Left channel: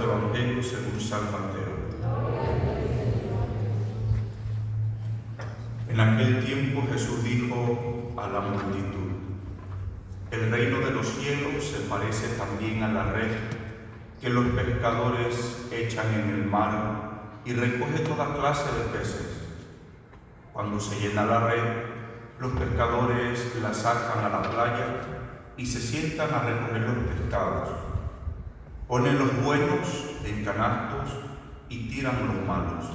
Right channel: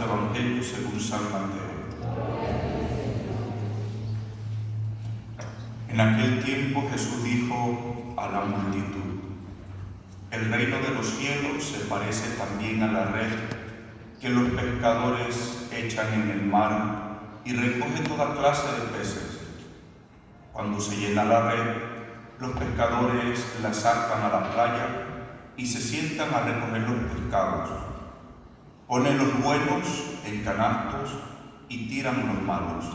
Santo Evangelio según San Mateo. En aquel tiempo Jesús dijo a la multitud: el reino de los cielos se parece también a la red que los pescadores echan en el mar y recoge toda clase de peces. Cuando se llena la red, los pescadores la sacan a la playa y se sientan a recoger los pescados. Ponen los buenos en canastos y tiran los malos.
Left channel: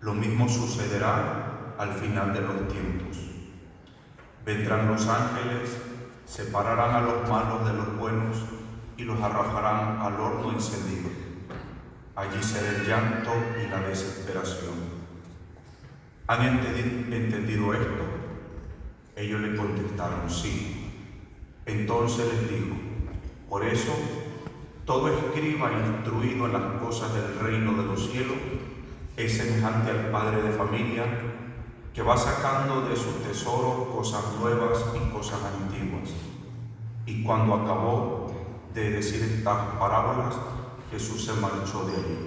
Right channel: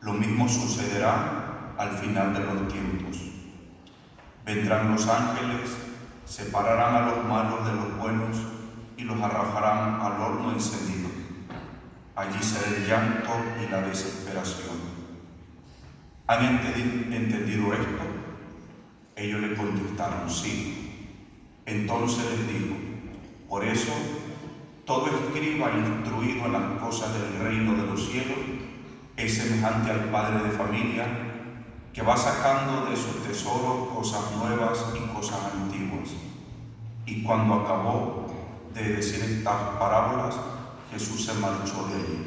Lo mismo sucederá al final de los tiempos. Vendrán los ángeles, separarán a los malos de los buenos y los arrojarán al horno encendido. Allí será el llanto y la desesperación. ¿Han entendido esto? Ellos le contestaron: sí. Entonces les dijo: por eso, todo escriba instruido en las cosas del reino de los cielos es semejante al padre de familia que va sacando de su tesoro cosas nuevas y cosas antiguas. Y cuando acabó de decir estas parábolas, Jesús se marchó de allí.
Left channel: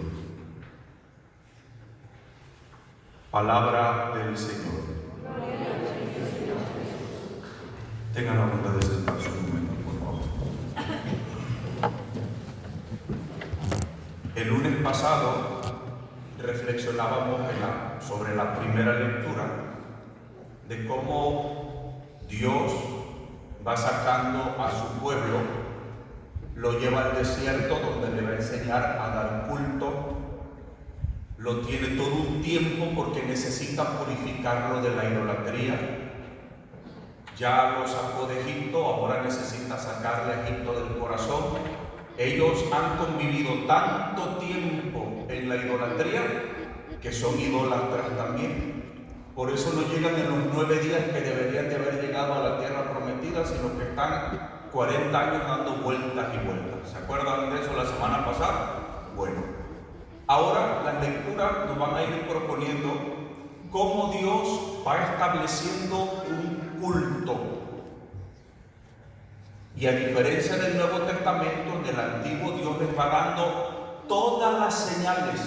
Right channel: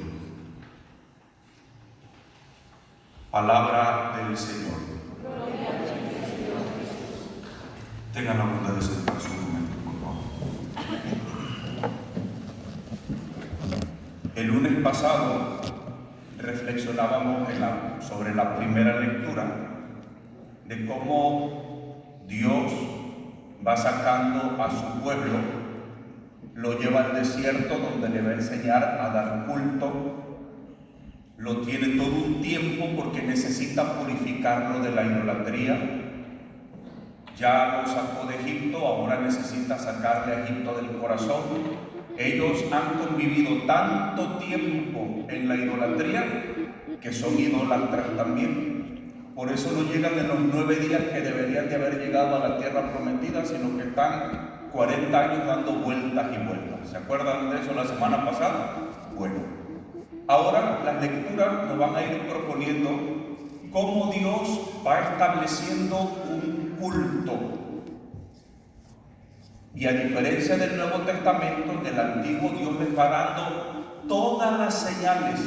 Palabra del Señor. Tengan la bondad de sentarse un momento, por favor. El lunes pasado reflexionábamos sobre la primera lectura de cómo Dios va sacando a su pueblo, lo lleva al desierto donde le va a enseñar a dar culto. Lo tiene todo un tiempo porque necesita purificarlo de la idolatría. Ya lo sacó de Egipto, ahora necesita sacarle a Egipto del corazón. Ellos han convivido tanto tiempo en la idolatría que son idólatras también. Por eso no llegan en los 9 días que deberían de haber llegado a la tierra prometida, sino que están 40 años dando vueltas y vueltas. ¿Se acuerdan de eso la semana pasada? Bueno, ahora las lecturas nos van a ir proponiendo cómo Dios va estableciendo un culto. Y a diferencia del Nuevo Testamento, en el Antiguo, Dios les va dando todas las señales,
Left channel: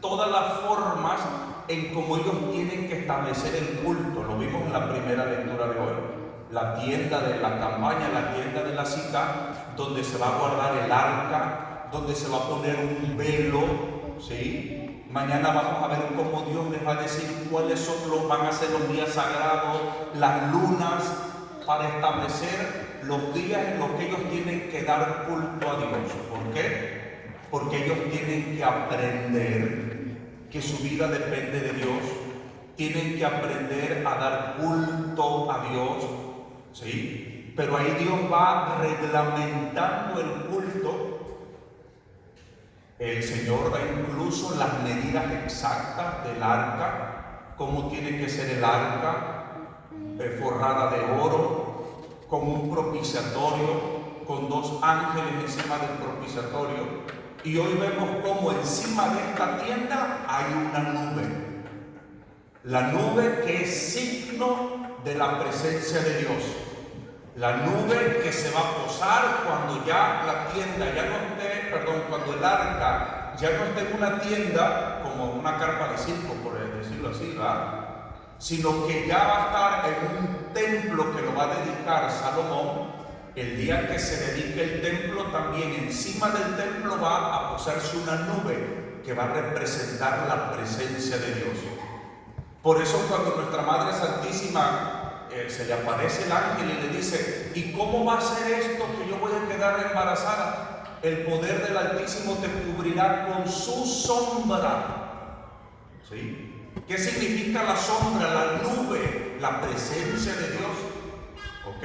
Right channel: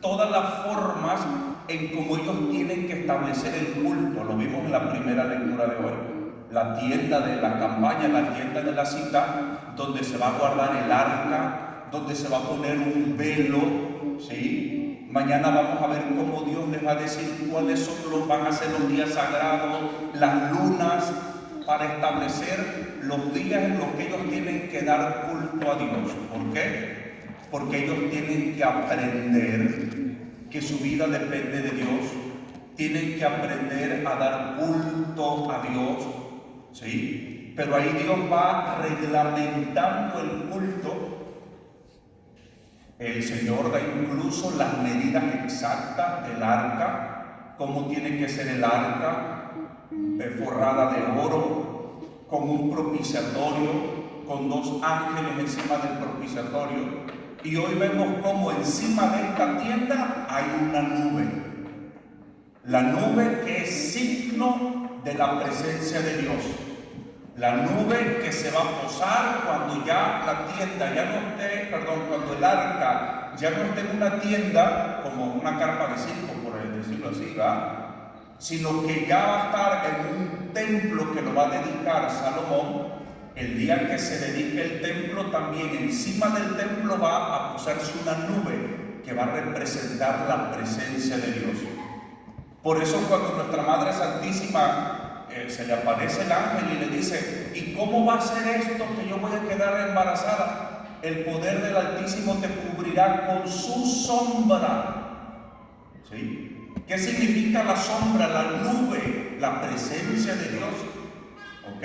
todas las formas en cómo ellos tienen que establecer el culto. Lo vimos en la primera lectura de hoy. La tienda de la campaña, la tienda de la cita, donde se va a guardar el arca, donde se va a poner un velo, ¿sí? Mañana vamos a ver cómo Dios les va a decir cuáles van a ser los días sagrados, las lunas, para establecer los días en los que ellos tienen que dar culto a Dios. ¿Por qué? Porque ellos tienen que aprender que su vida depende de Dios, tienen que aprender a dar culto a Dios, ¿sí? Pero ahí Dios va reglamentando el culto. El Señor da incluso las medidas exactas del arca, cómo tiene que ser el arca, forrada de oro, con un propiciatorio, con 2 ángeles encima del propiciatorio. Y hoy vemos cómo encima de esta tienda hay una nube. La nube que es signo de la presencia de Dios. La nube que se va a posar cuando ya la tienda ya no esté, cuando el arca ya no esté en una tienda como una carpa de circo, por decirlo así, ¿verdad? Sino que ya va a estar en un templo que lo va a dedicar Salomón. El día que se dedique el templo, también encima del templo va a posarse una nube que va a representar la presencia de Dios. Por eso cuando nuestra Madre Santísima se le aparece el ángel y le dice: ¿y cómo va a ser esto que yo voy a quedar embarazada? El poder del Altísimo te cubrirá con su sombra. ¿Sí? ¿Qué significa la sombra? La nube, la presencia de Dios. ¿Ok?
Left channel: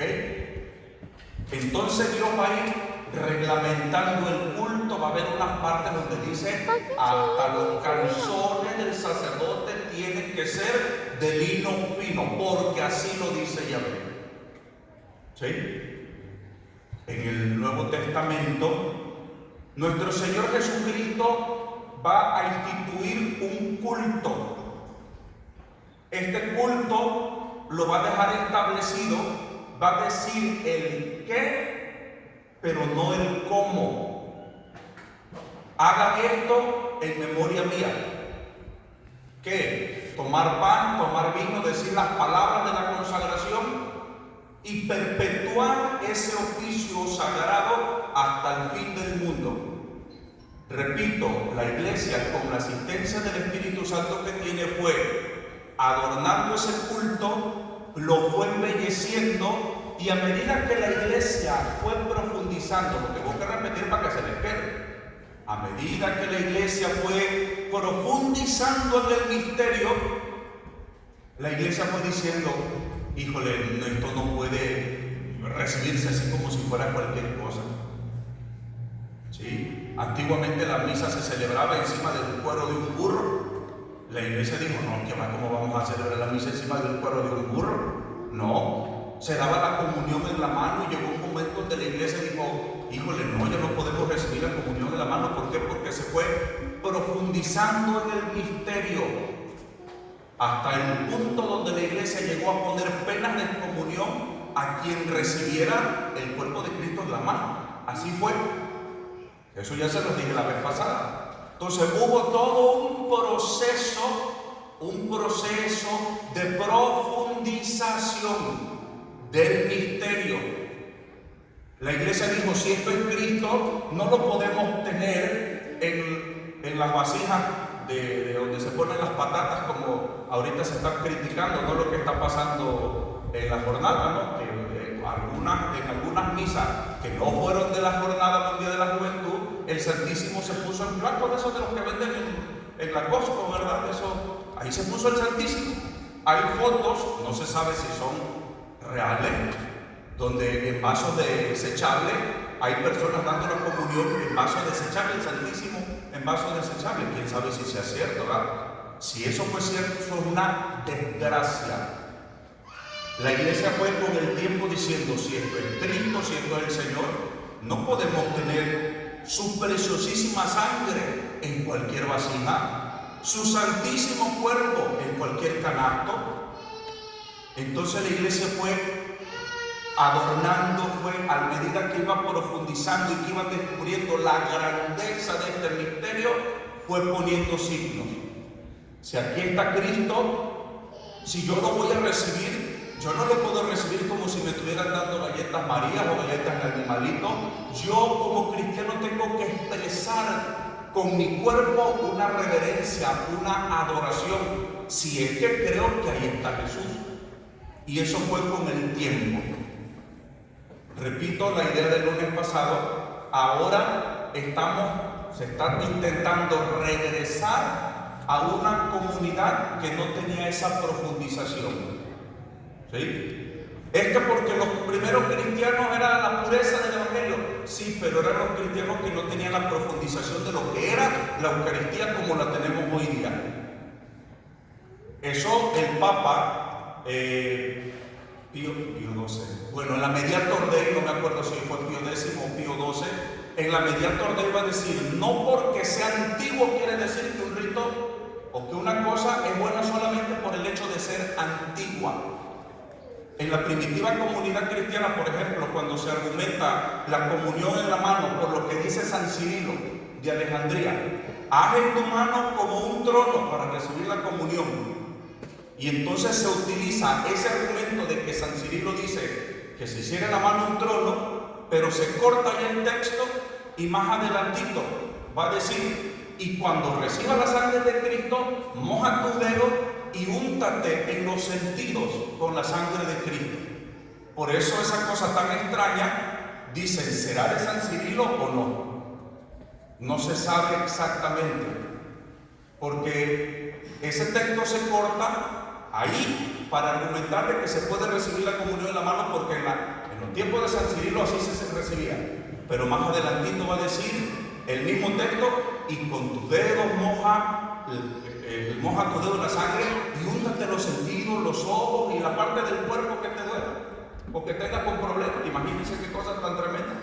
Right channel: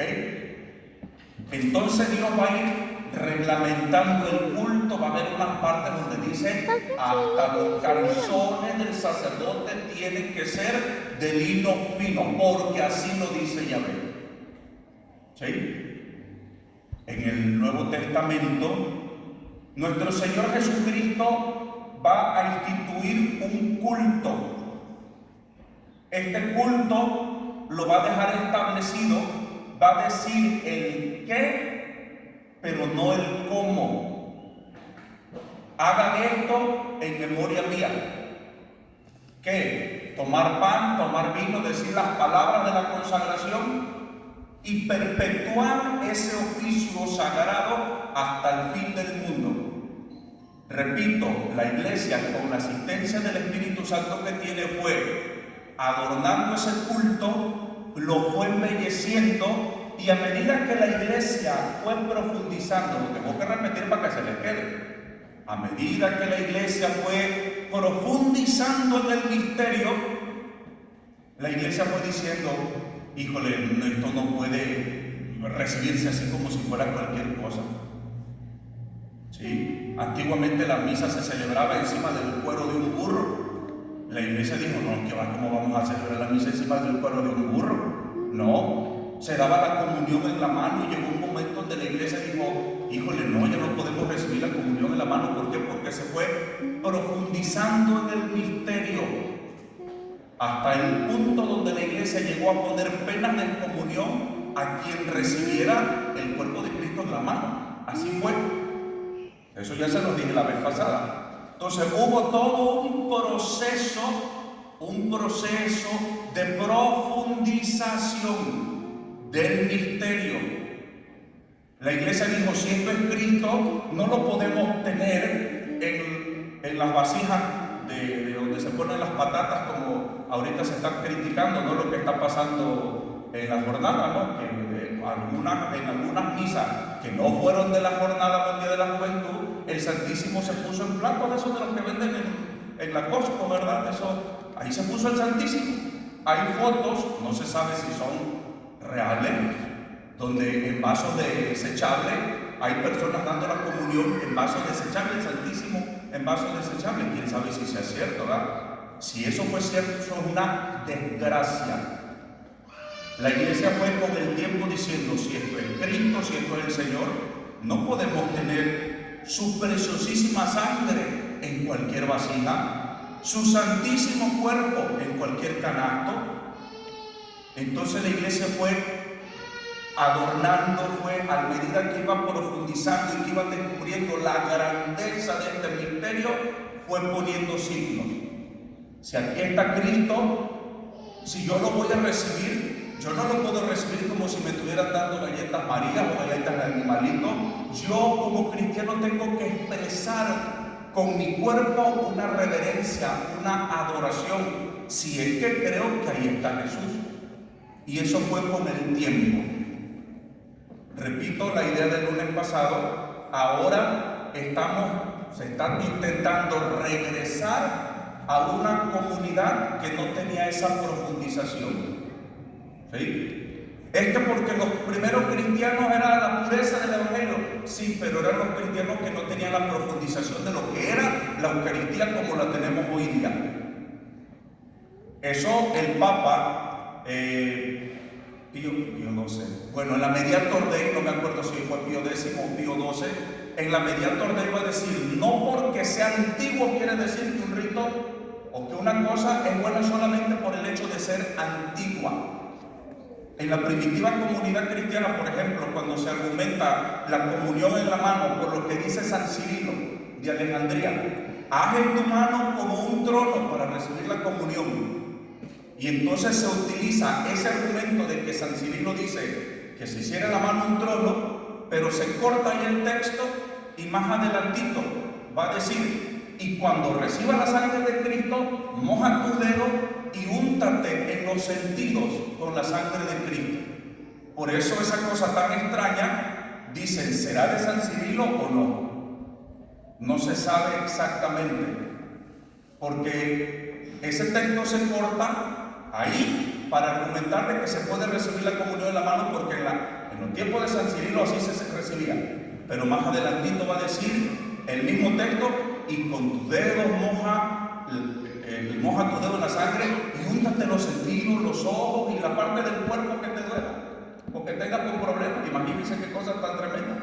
Entonces Dios va a ir reglamentando el culto. Va a haber unas partes donde dice: hasta los calzones del sacerdote tienen que ser de lino fino, porque así lo dice Yahvé. ¿Sí? En el Nuevo Testamento, nuestro Señor Jesucristo va a instituir un culto. Este culto lo va a dejar establecido, va a decir el qué, pero no el cómo. hagan esto en memoria mía. ¿Qué? Tomar pan, tomar vino, decir las palabras de la consagración y perpetuar ese oficio sagrado hasta el fin del mundo. Repito, la iglesia, con la asistencia del Espíritu Santo que tiene, fue adornando ese culto, lo fue embelleciendo, y a medida que la iglesia fue profundizando, lo tengo que repetir para que se les quede, a medida que la iglesia fue profundizando en el misterio, la iglesia fue diciendo, híjole, esto no puede recibirse así como si fuera cualquier cosa. ¿Sí? Antiguamente la misa se celebraba encima del cuero de un burro. La iglesia dijo, no, ¿qué va? ¿Cómo vamos a celebrar la misa encima del cuero de un burro? No, se daba la comunión en la mano, y llegó un momento donde la iglesia dijo, híjole, no, ya no podemos recibir la comunión en la mano. ¿Por qué? Porque se fue profundizando en el misterio hasta el punto donde la iglesia llegó a poner penas de excomunión a quien recibiera el cuerpo de Cristo en la mano. Así fue. Eso ya se los dije la vez pasada. Entonces hubo todo un proceso de profundización del misterio. La iglesia dijo, si esto es Cristo, no lo podemos tener en las vasijas de donde se ponen las patatas, como ahorita se está criticando, ¿no?, lo que está pasando en la jornada, ¿no? Que en algunas misas que no fueron de la jornada del Día de la Juventud, el Santísimo se puso en platos de esos de los que venden en la Costco, ¿verdad? Eso, ahí se puso el Santísimo. Hay fotos, no se sabe si son reales, donde en vasos desechables hay personas dando la comunión en vasos desechables, el Santísimo en vasos desechables. Quién sabe si sea cierto, ¿verdad? Si eso fue cierto, eso es una desgracia. La iglesia fue con el tiempo diciendo, si esto es Cristo, si esto es el Señor, no podemos tener su preciosísima sangre en cualquier vasija, su santísimo cuerpo en cualquier canasto. Entonces la iglesia fue adornando, fue a medida que iba profundizando y que iba descubriendo la grandeza de este misterio, fue poniendo signos. Si aquí está Cristo, si yo lo voy a recibir, yo no lo puedo recibir como si me estuvieran dando galletas María o galletas de animalito. Yo como cristiano tengo que expresar con mi cuerpo una reverencia, una adoración, si es que creo que ahí está Jesús. Y eso fue con el tiempo. Repito la idea del lunes pasado. Ahora se está intentando regresar a una comunidad que no tenía esa profundización. ¿Sí? Es que porque los primeros cristianos era la pureza del Evangelio. Sí, pero eran los cristianos que no tenían la profundización de lo que era la Eucaristía como la tenemos hoy día. Eso el Papa Pío XII, bueno, en la Mediator Dei, no me acuerdo si fue Pío X o Pío XII, en la Mediator Dei va a decir, no porque sea antiguo quiere decir que un rito o que una cosa es buena solamente por el hecho de ser antigua. En la primitiva comunidad cristiana, por ejemplo, cuando se argumenta la comunión en la mano por lo que dice San Cirilo de Alejandría, haz en tu mano como un trono para recibir la comunión. Y entonces se utiliza ese argumento de que San Cirilo dice que se hiciera en la mano un trono, pero se corta ahí el texto y más adelantito va a decir, y cuando recibas la sangre de Cristo, moja tu dedo y úntate en los sentidos con la sangre de Cristo. Por eso esa cosa tan extraña, dicen, ¿será de San Cirilo o no? No se sabe exactamente, porque ese texto se corta ahí para argumentar de que se puede recibir la comunión en la mano, porque en los tiempos de San Cirilo así se recibía. Pero más adelantito va a decir el mismo texto, y con tus dedos moja tu dedo en la sangre y úntate los sentidos, los ojos y la parte del cuerpo que te duela o que tengas con problemas. Imagínense qué cosa tan tremenda.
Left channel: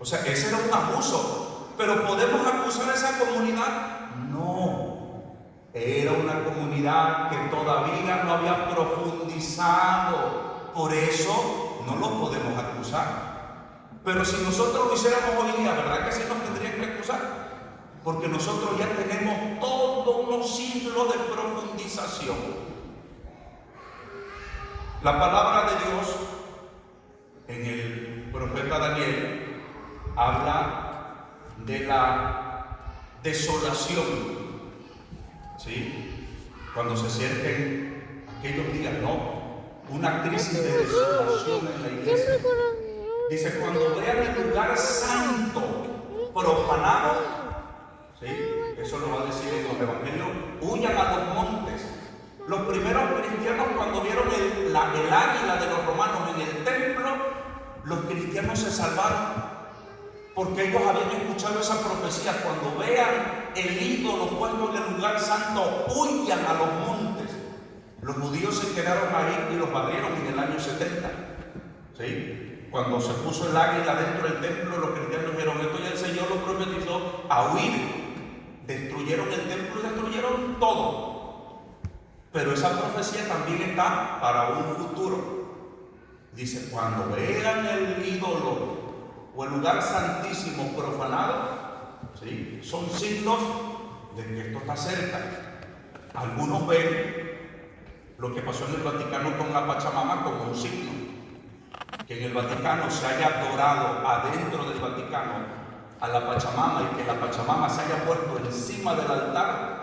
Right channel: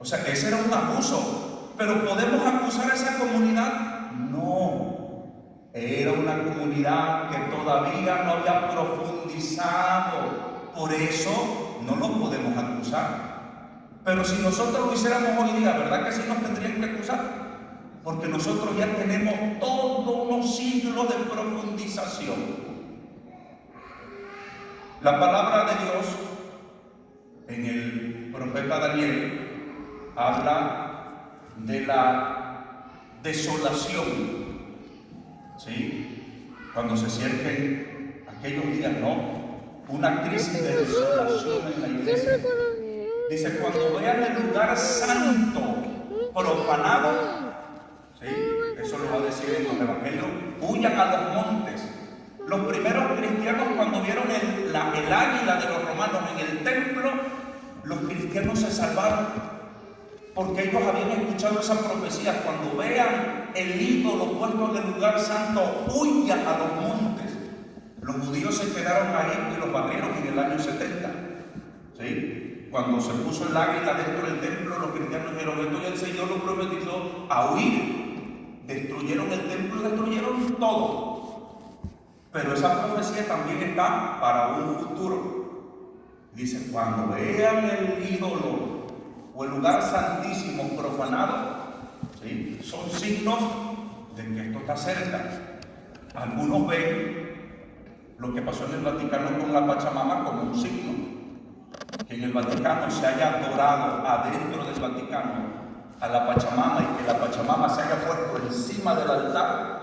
O sea, ese era un abuso. Pero ¿podemos acusar a esa comunidad? No. Era una comunidad que todavía no había profundizado. Por eso no lo podemos acusar. Pero si nosotros lo hiciéramos hoy día, ¿verdad que sí nos tendrían que acusar? porque nosotros ya tenemos todos unos siglos de profundización. La palabra de Dios en el profeta Daniel habla de la desolación, ¿sí? Cuando se sienten aquellos días, ¿no? Una crisis de desolación en la iglesia. Dice, cuando vean el lugar santo profanado, ¿sí? Eso lo va a decir en los evangelios, huyan a los montes. Los primeros cristianos, cuando vieron el águila de los romanos en el templo, los cristianos se salvaron, porque ellos habían escuchado esa profecía: cuando vean el ídolo puesto en el lugar santo, huyan a los montes. Los judíos se quedaron ahí y los barrieron en el año 70, ¿sí? Cuando se puso el águila dentro del templo, los cristianos dijeron: esto ya el Señor lo profetizó, a huir. Destruyeron el templo y destruyeron todo. Pero esa profecía también está para un futuro. Dice, cuando vean el ídolo o el lugar santísimo profanado, ¿sí? Son signos de que esto está cerca. Algunos ven lo que pasó en el Vaticano con la Pachamama como un signo, que en el Vaticano se haya adorado adentro del Vaticano a la Pachamama y que la Pachamama se haya puesto encima del altar,